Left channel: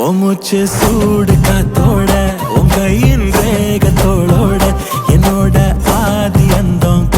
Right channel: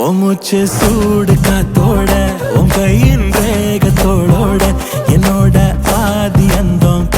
ஓ மூச்சு சூடு காத்தோட உன் கையின் ரேகத்தோளோட என்னோட ஆதி அந்தம்